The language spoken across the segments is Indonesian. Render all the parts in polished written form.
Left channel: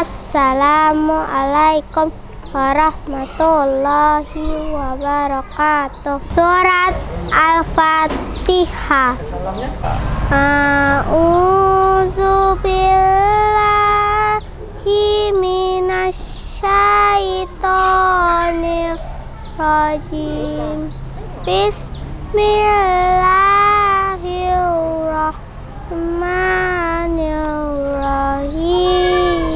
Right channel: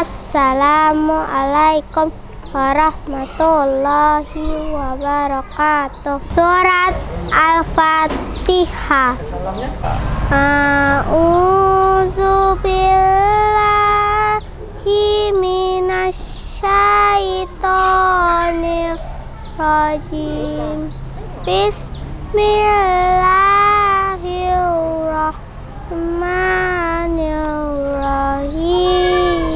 Assalamualaikum warahmatullahi wabarakatuh. Surat Al-Fatihah. A'udzu billahi minasyaitonir rajim. Bismillahirrahmanirrahim.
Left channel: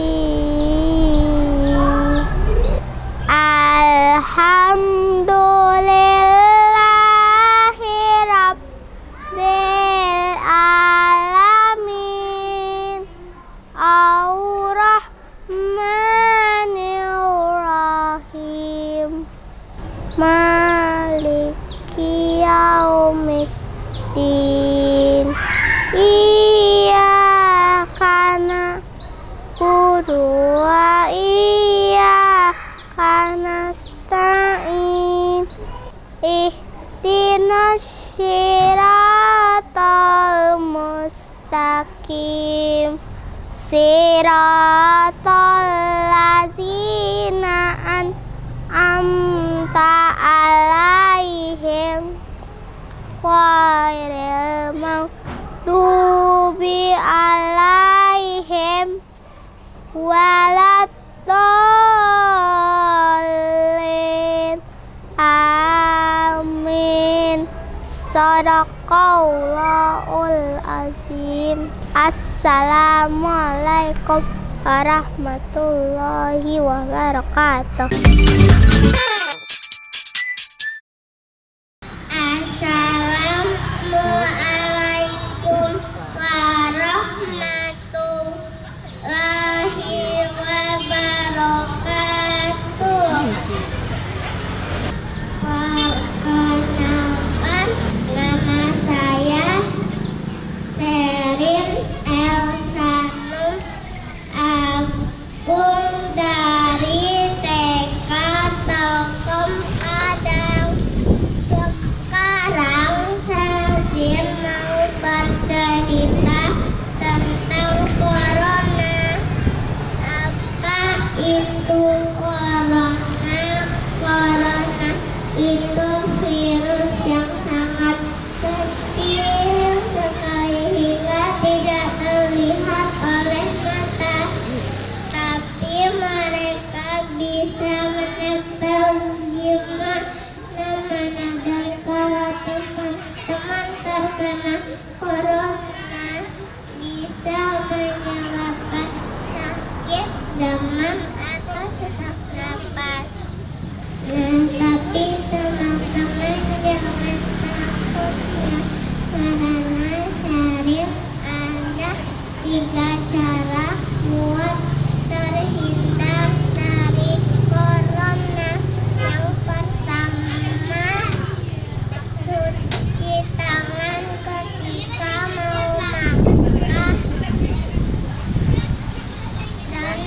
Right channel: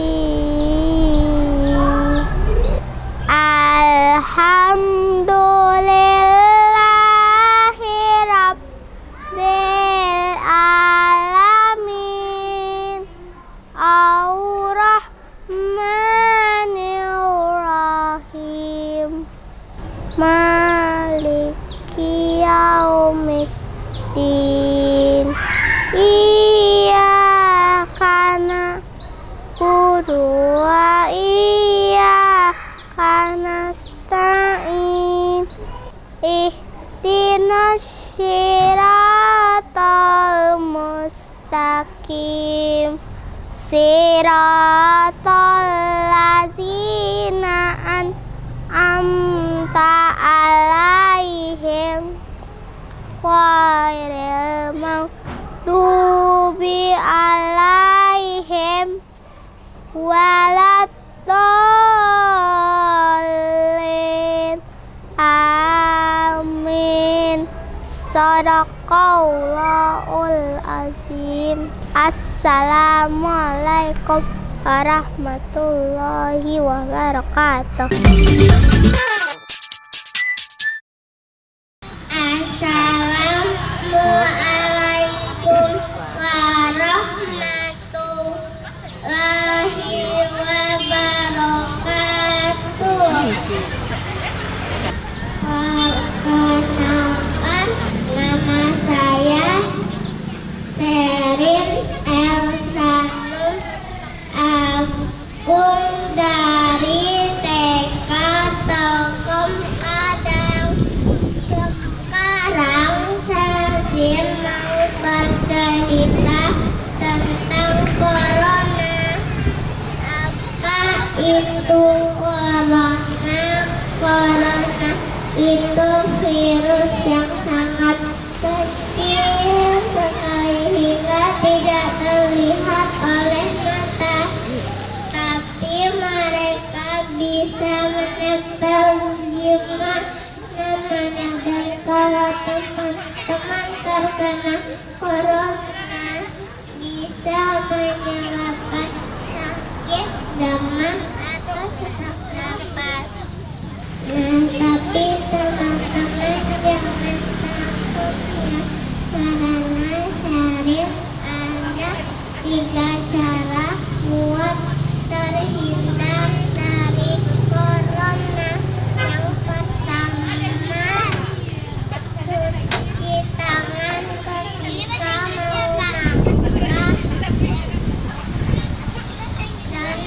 Alhamdulillahi rabbil alamin. Ar-Rahmanir-Rahim. Maliki yaumiddin. Iyyaka na'budu wa iyyaka nasta'in. Ihdinas siratal mustaqim. Siratal ladzina an'amta alaihim ghairil maghdubi alaihim waladdallin. Amin. Shadaqallahul azim. Assalamualaikum warahmatullahi wabarakatuh. Assalamualaikum warahmatullahi wabarakatuh. Perkenalkan, nama saya Sherin Elsanur Agung dari TK Telkom Padang. Sekarang Sherin mau bercerita tentang corona. Apa itu corona? Corona itu virus yang sangat kecil sekali hingga tidak terlihat oleh mata, tapi mereka bisa menempel di mana-mana. Dan kalau teman-teman terkena corona, bisa menyebabkan sakit, demam, atau sesak napas. Tapi teman-teman jangan takut ya, karena Sherin ada 3 cara buat terhindar dari corona. Yang pertama, cuci tangan ketika mau makan dan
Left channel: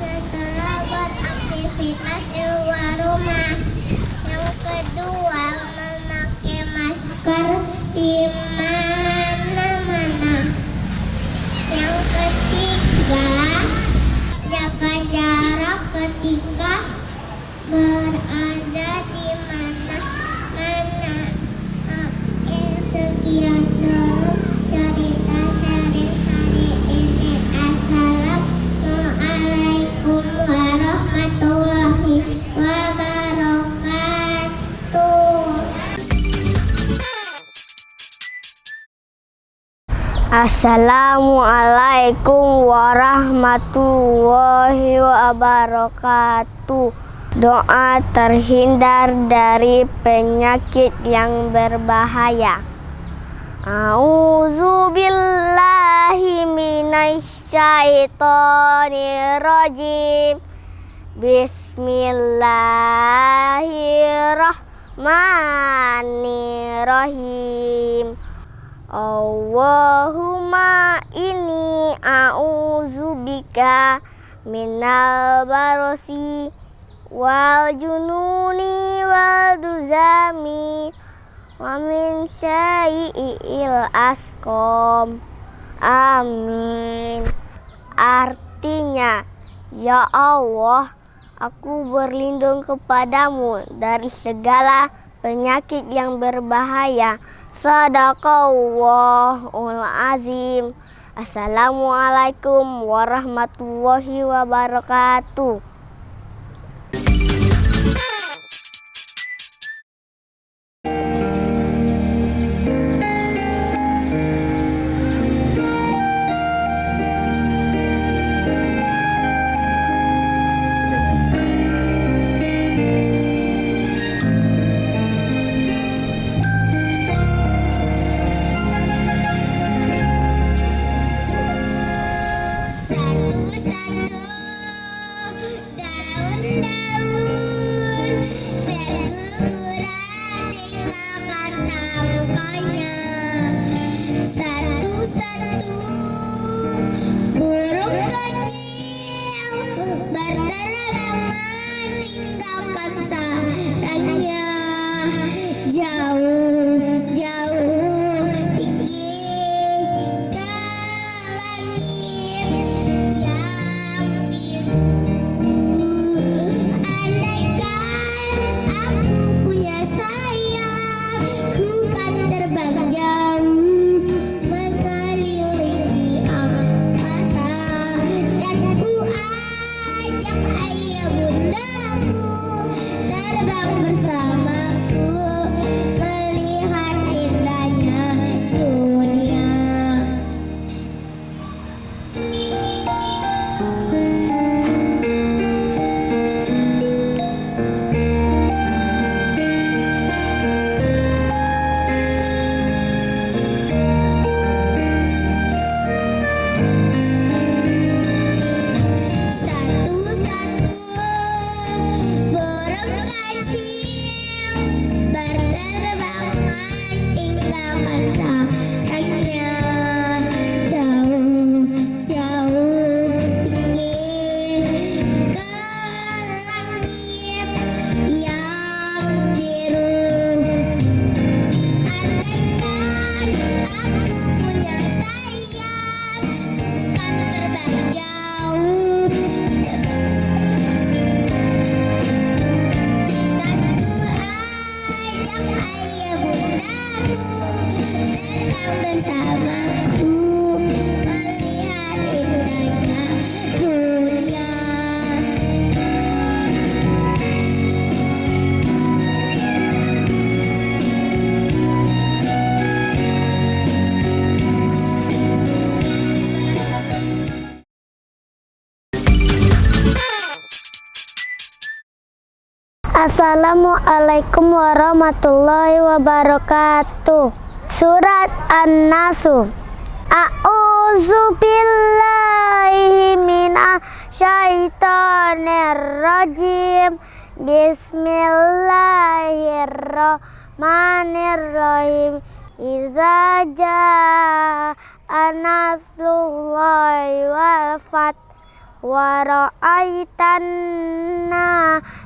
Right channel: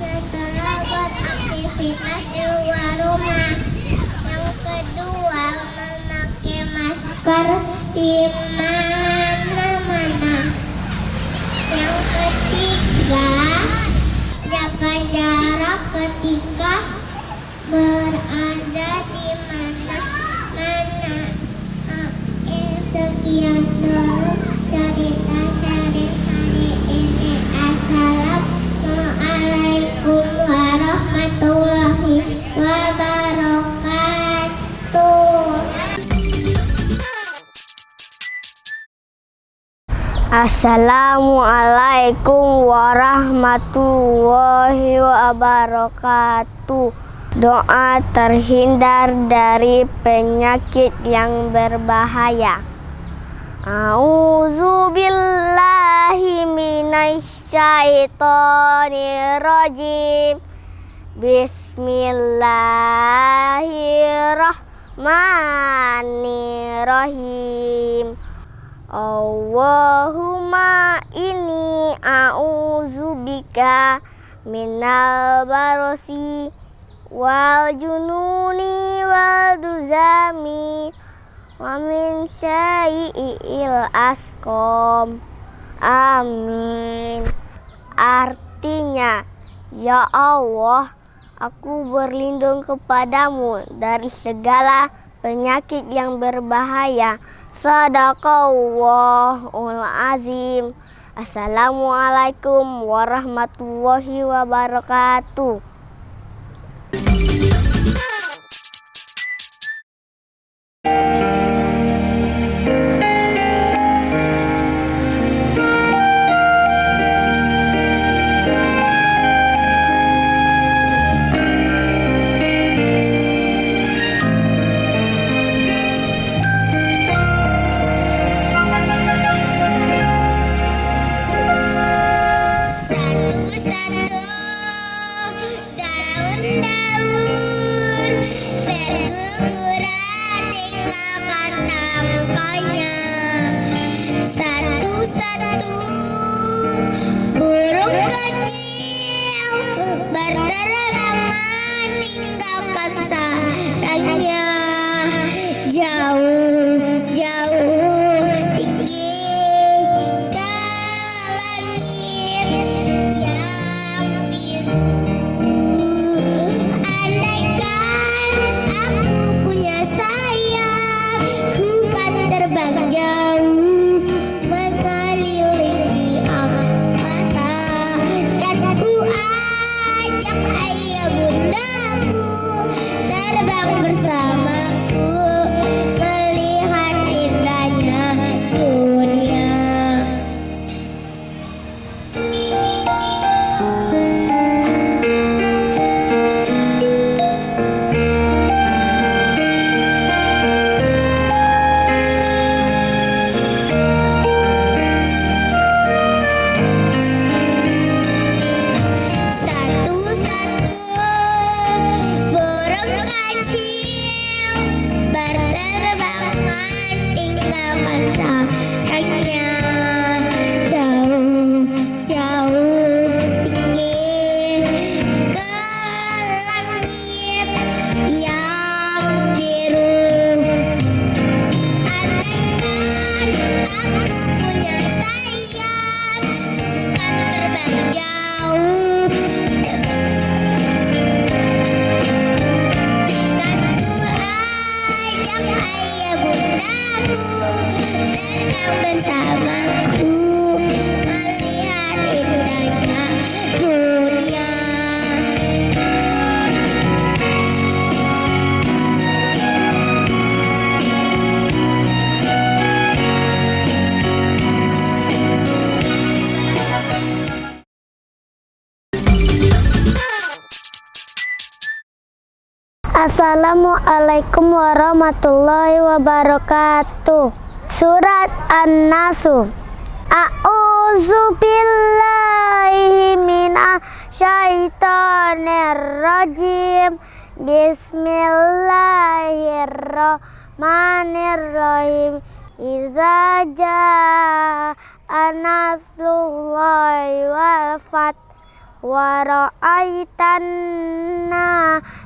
setelah beraktivitas di luar rumah. Yang kedua, memakai masker di mana-mana. Yang ketiga, jaga jarak ketika berada di mana-mana. Sekian dulu cerita Sherin hari ini. Assalamualaikum warahmatullahi wabarakatuh. Assalamualaikum warahmatullahi wabarakatuh. Doa terhindar dari penyakit yang berbahaya. A'udzubillahi minasyaitonirrajim. Bismillahirrahmanirrahim. Allahumma inni a'udzubika minal barosi wal jununi wal duzami wa min syai'il asqam. Amin. Artinya, Ya Allah, aku berlindung kepadamu dari segala penyakit yang berbahaya. Sadaqallahul azim. Assalamualaikum warahmatullahi wabarakatuh. Assalamualaikum warahmatullahi wabarakatuh. Surat An-Nasu. A'udzu billahi minasyaitonir rajim. Bismillahirrahmanirrahim. Iza jaa nasrullahi wal fath wa ra'aitan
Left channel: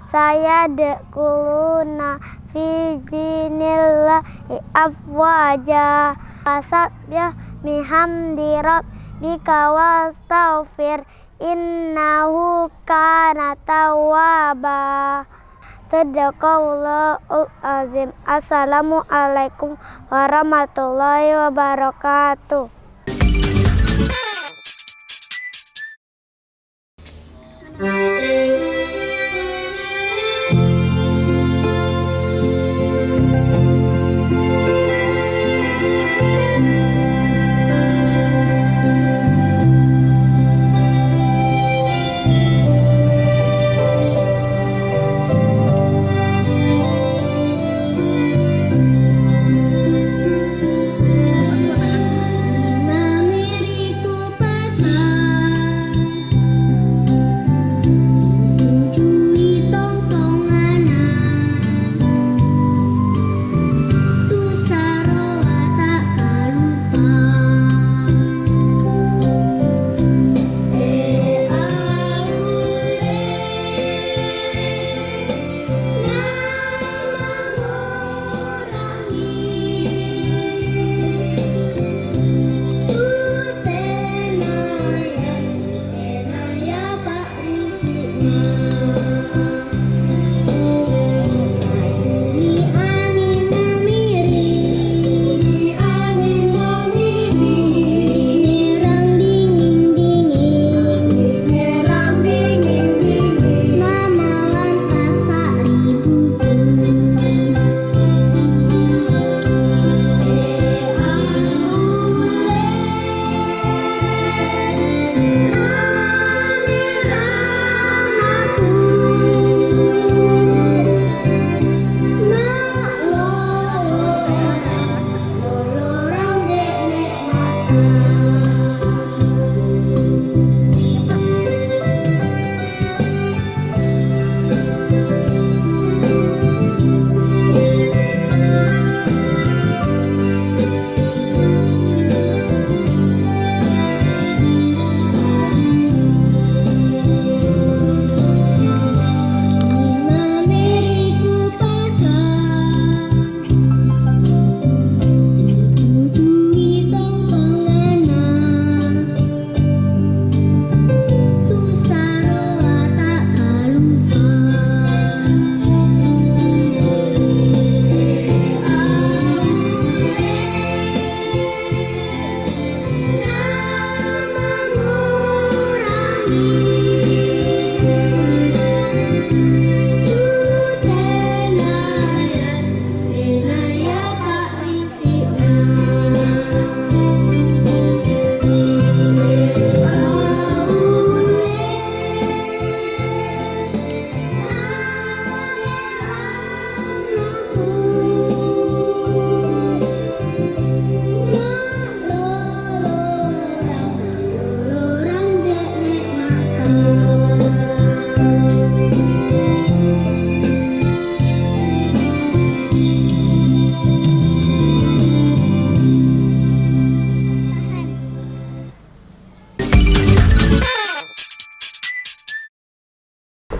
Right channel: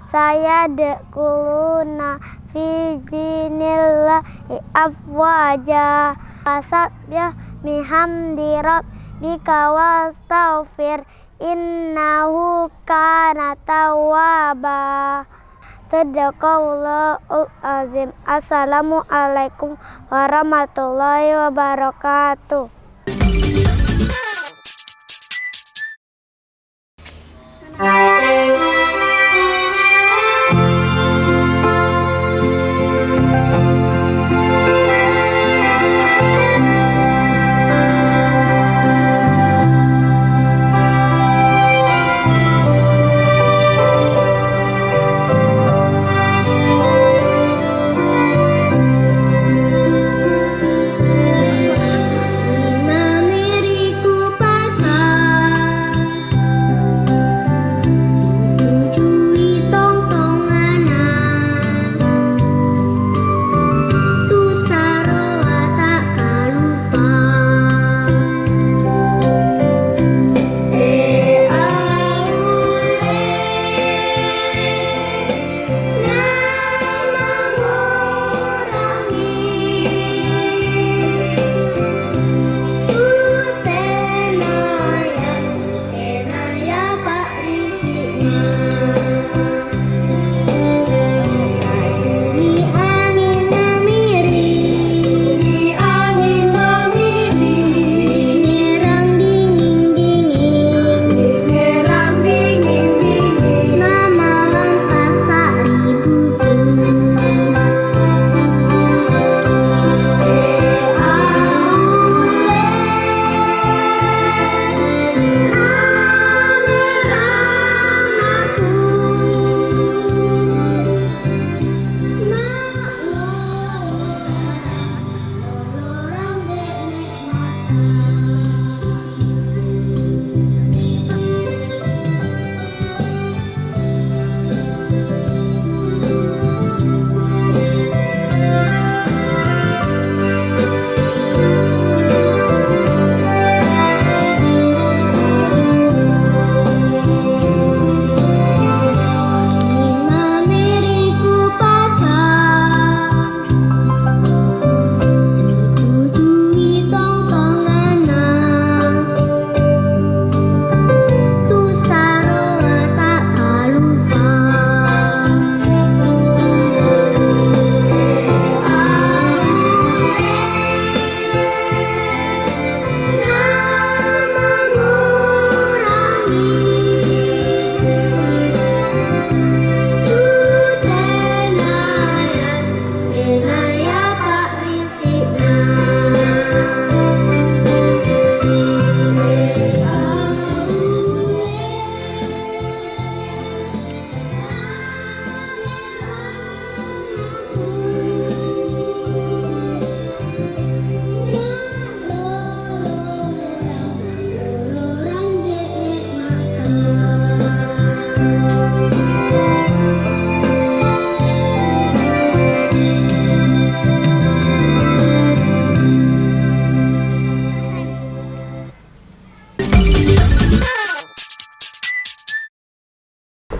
sayadkhuluna fi dinillahi afwaja fasabbih bihamdi rabbika wastaghfir innahu kana tawwaba. Sadaqallahul azim. Assalamualaikum warahmatullahi wabarakatuh.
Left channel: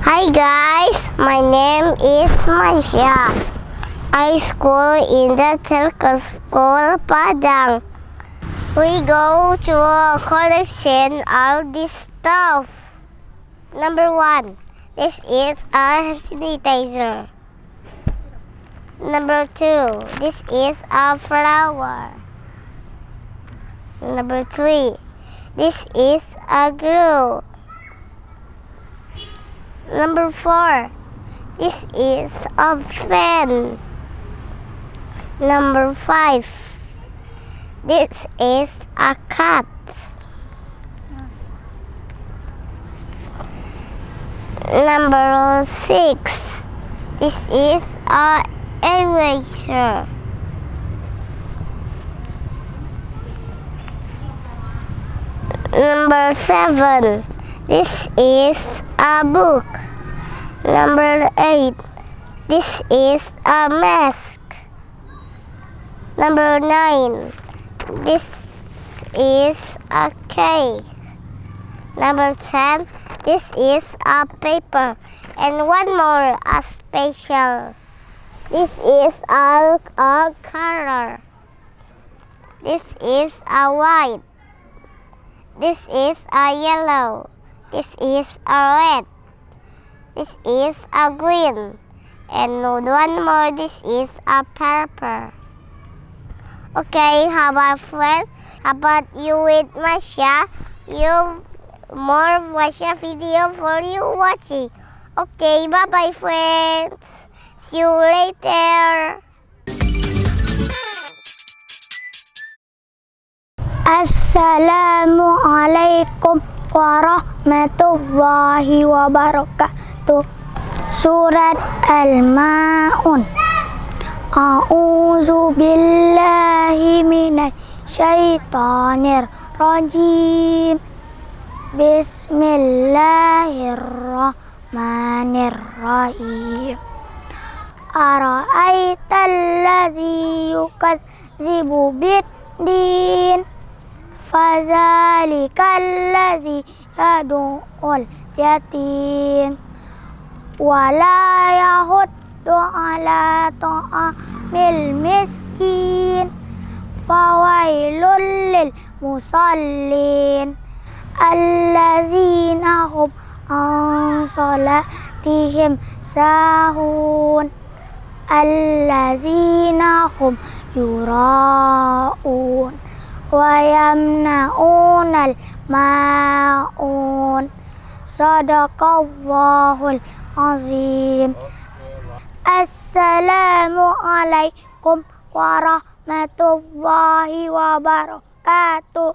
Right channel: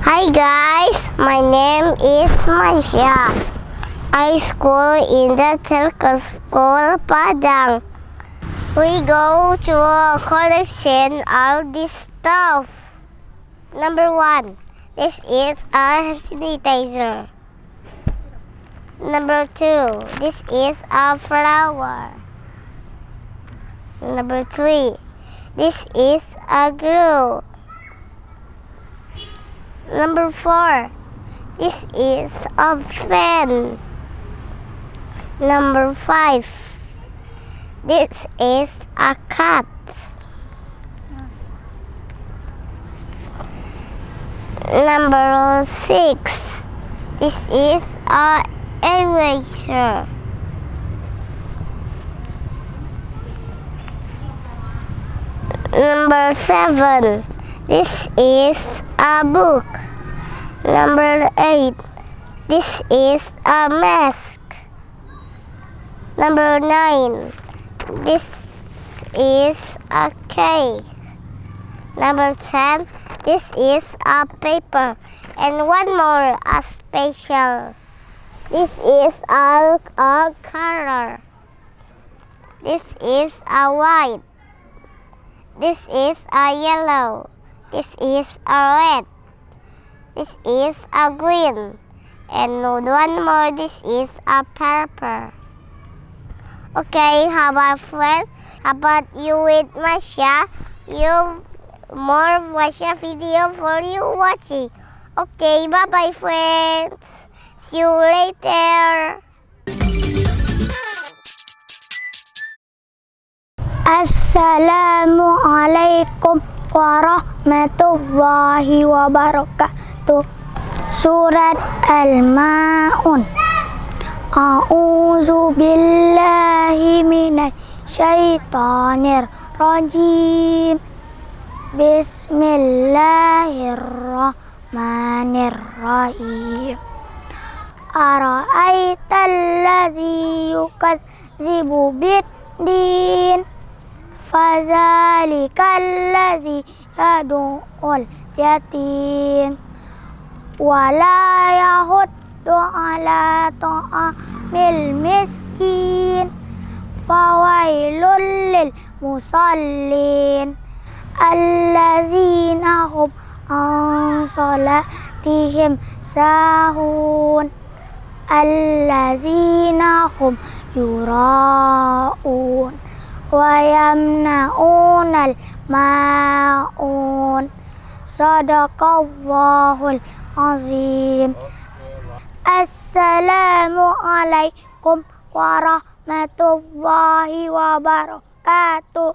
Hi guys, my name is Masya. I school in the Telco School Padang. We go to a collection of this stuff. Number 1, this is a sanitizer. Number 2, this is a flower. Number 3, this is a glue. Number 4, this is a fan. Number 5, this is a cat. Number 6, this is a eraser. Number 7, this is a book. Number 8, this is a mask. Number 9, this is a cake. Number 10, this is a paper. And one more, a special. This is a color. This is a white. This is a yellow. This is a red. This is a green. And one more, this is a purple. Okay, how about friends? How about you with Masya? You more Masya video for you watching. Okay, bye-bye friends. See you later. Assalamualaikum warahmatullahi wabarakatuh. Surat Al-Ma'un. A'udzu billahi minasy syaitonir rajim. Bismillahirrahmanirrahim. Ara'aital ladzi yukadzibu bid-din. Fadzalikal ladzi yad'ul yatim. Wala yahuddu ala ta'amil miskin. Fawailul lil musallin allazina hum an salatihim sahun allazina hum yura'un wa yamna'unal ma'un. Sadaqallahul azim. Assalamualaikum warahmatullahi wabarakatuh.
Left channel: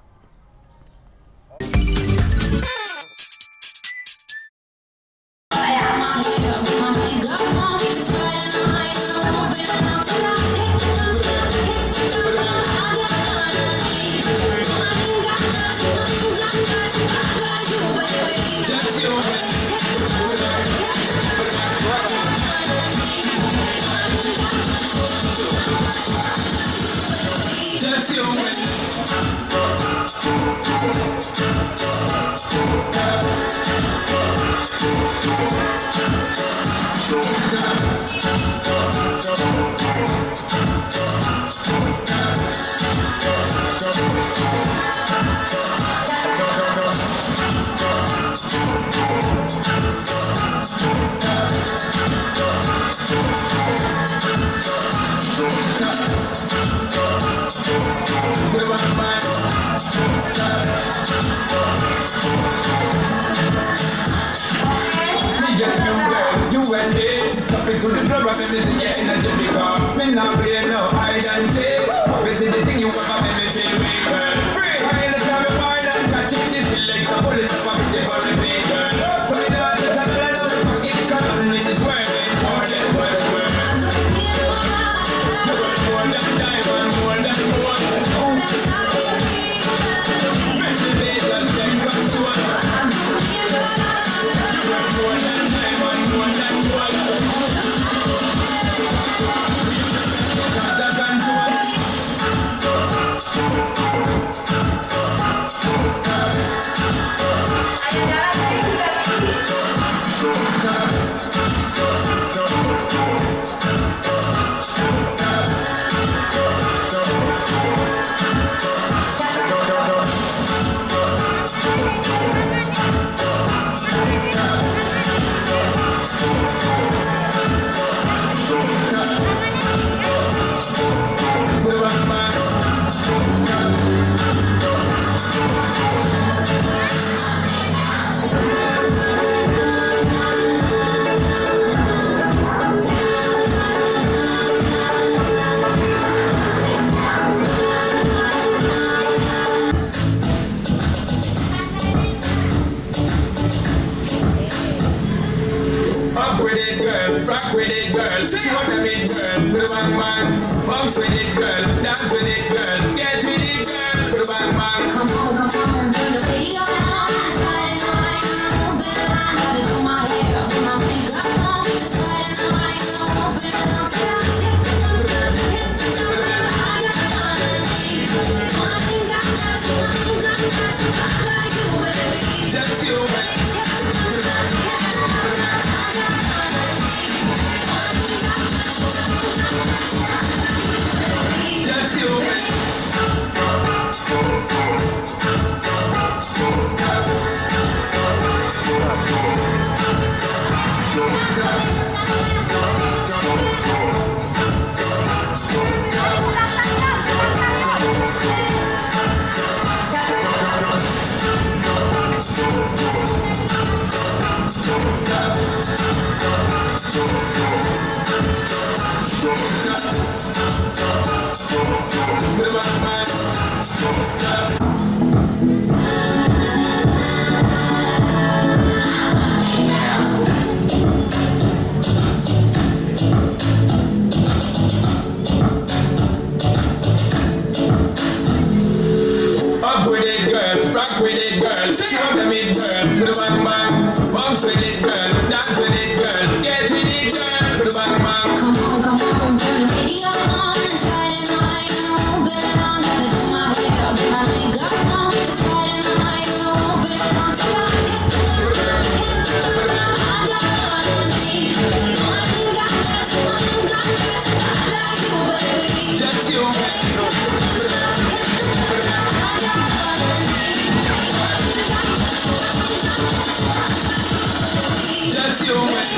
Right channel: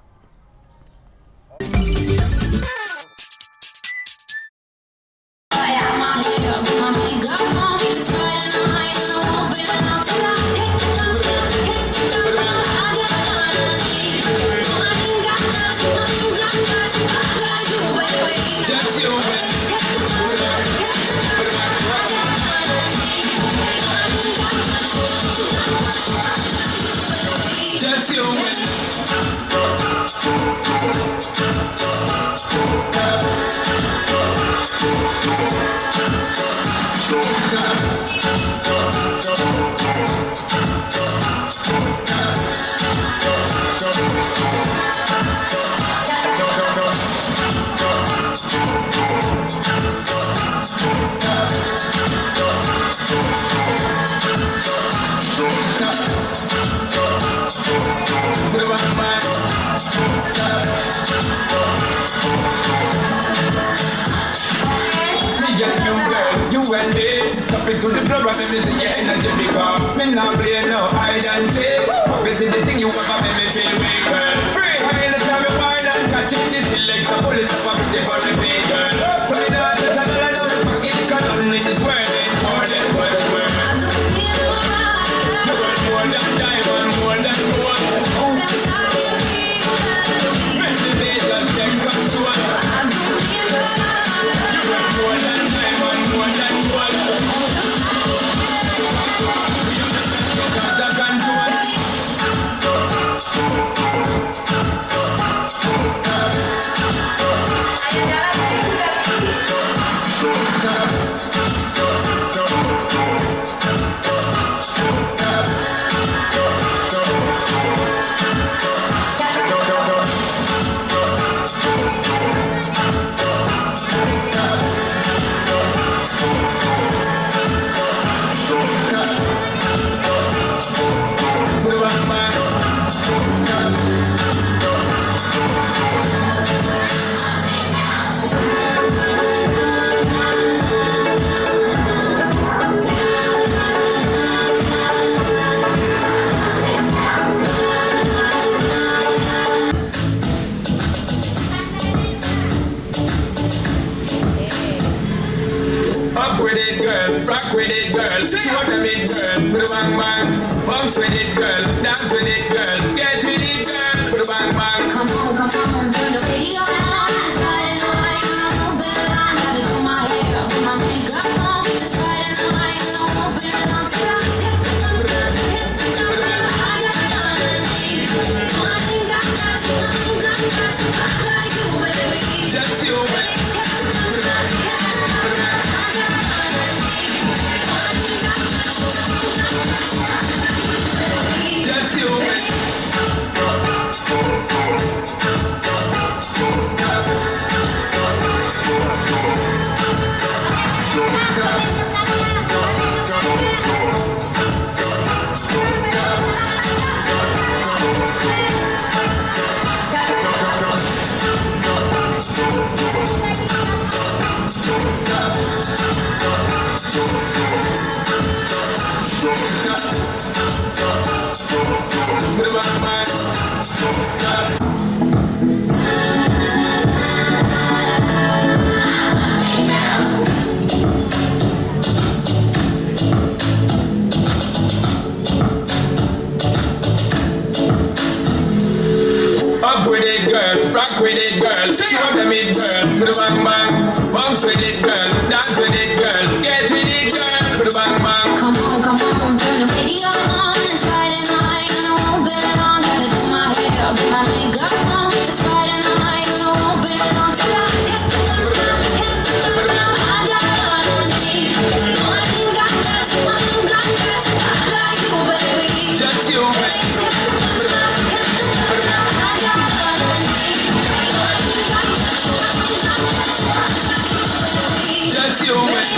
You and this, stop it to the floor, and me see your energy because me not play no hide and seek. Up into the thing you ever make me feel big, girl. Free, anytime you find and catch it, it's like a bullet up with the body big, girl. Put it on the channel and on the pocket, cause nothing is worth it more than what's worth. You want more than diamond, more than gold. Make the day just take control. You want more than diamond, more than gold. Got the control. rock with it, girl. See what I mean, girl. Put a bang bang, bounce with it, girl. Dance with it, girl. Get with it, girl. Put a bang bang. Come on, turn the radio on. It's Friday night, and I'm open line. Gotta do my hair, put my makeup on. It's Friday night, and I'm open line. Till I hit the dance floor, hit the dance floor. I got money. I ain't got cash, I ain't got cash. I got you, baby. Just you, baby. Hit the dance floor, hit the dance floor. I got money. I ain't got cash, I ain't got cash. I got you, baby. Just you, baby. Put a bang bang. Up with it, girl. Rock with it, girl. See what I mean, girl. Put a bang bang. Bounce with it, girl. Dance with it, girl. Get with it, girl. Put a bang bang. Come on, turn the radio on. It's Friday night, and I won't bet it on. Gotta do my hair, put my makeup on. It's Friday night, and I won't bet it on. Till I hit the dance floor, hit the dance floor. I got money. No, I ain't got cash, I ain't got cash. I got you, baby. Just you, baby. Hit the dance floor, hit the dance floor. I got money. No, I ain't got cash, I ain't got cash. I got you, baby. Just you, baby.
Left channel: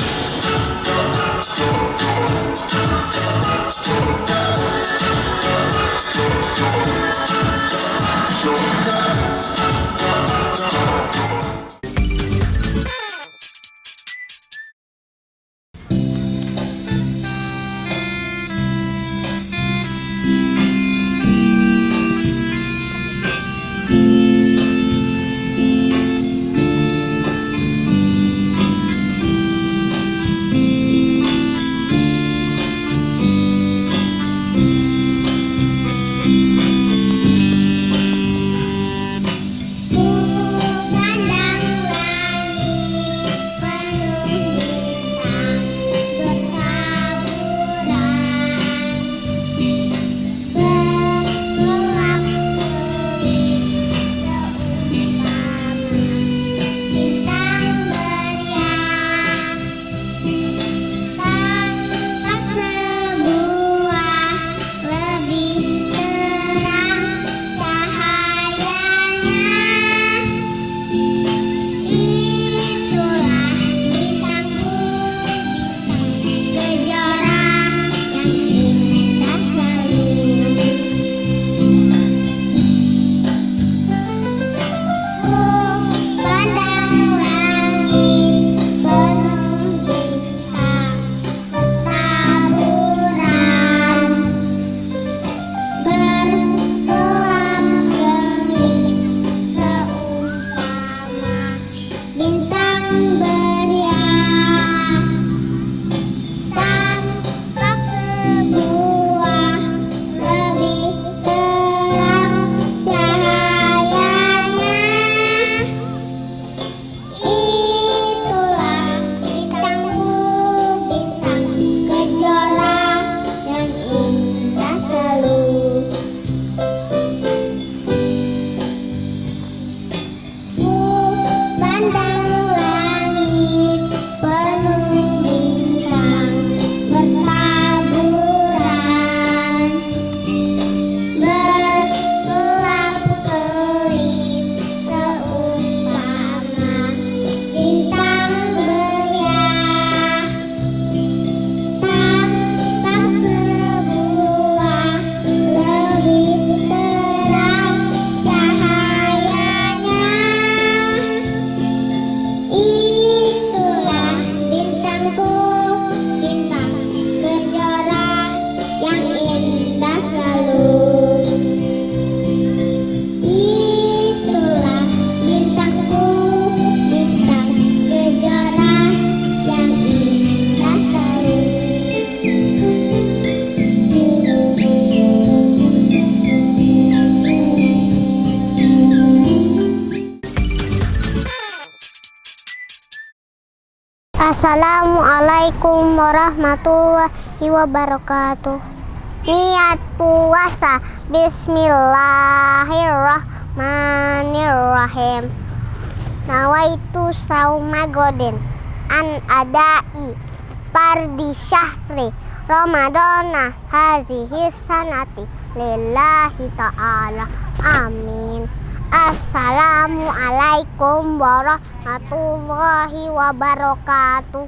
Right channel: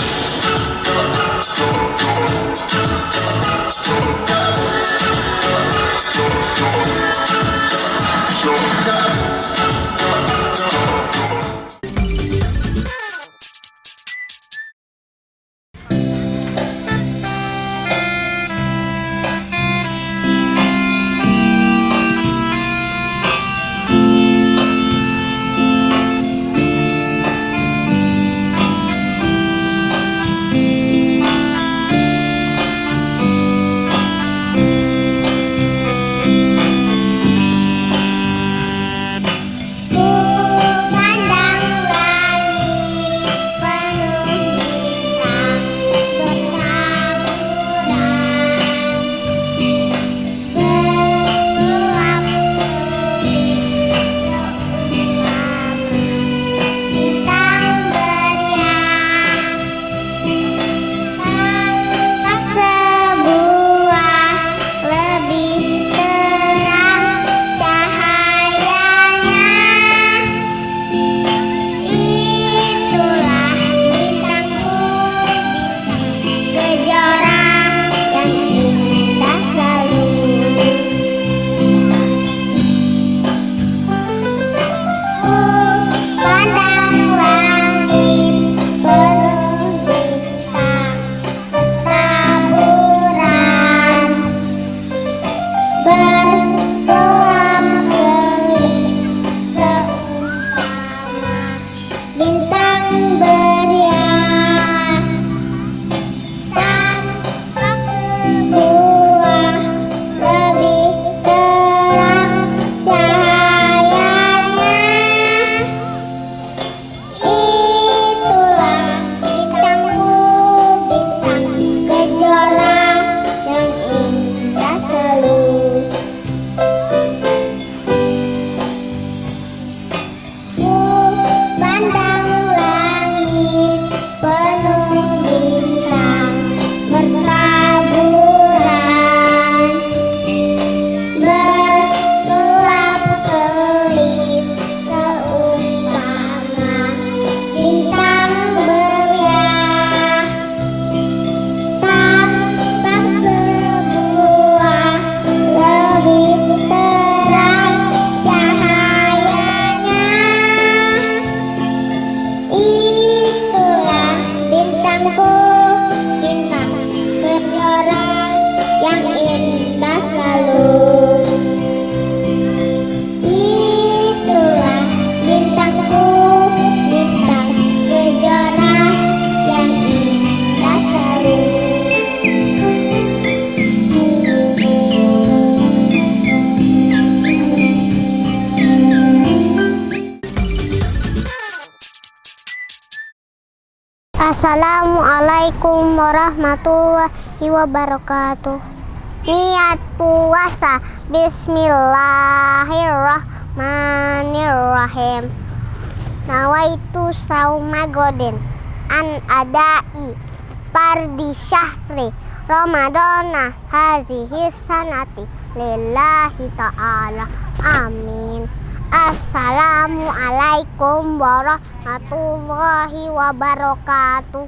Assalamualaikum warahmatullahi wabarakatuh. Niat puasa. Bismillahirrahmanirrahim. Nawaitu sauma godin an adai pardi syahri Ramadana hazihi sanati lillahi ta'ala. Amin. Assalamualaikum warahmatullahi wabarakatuh.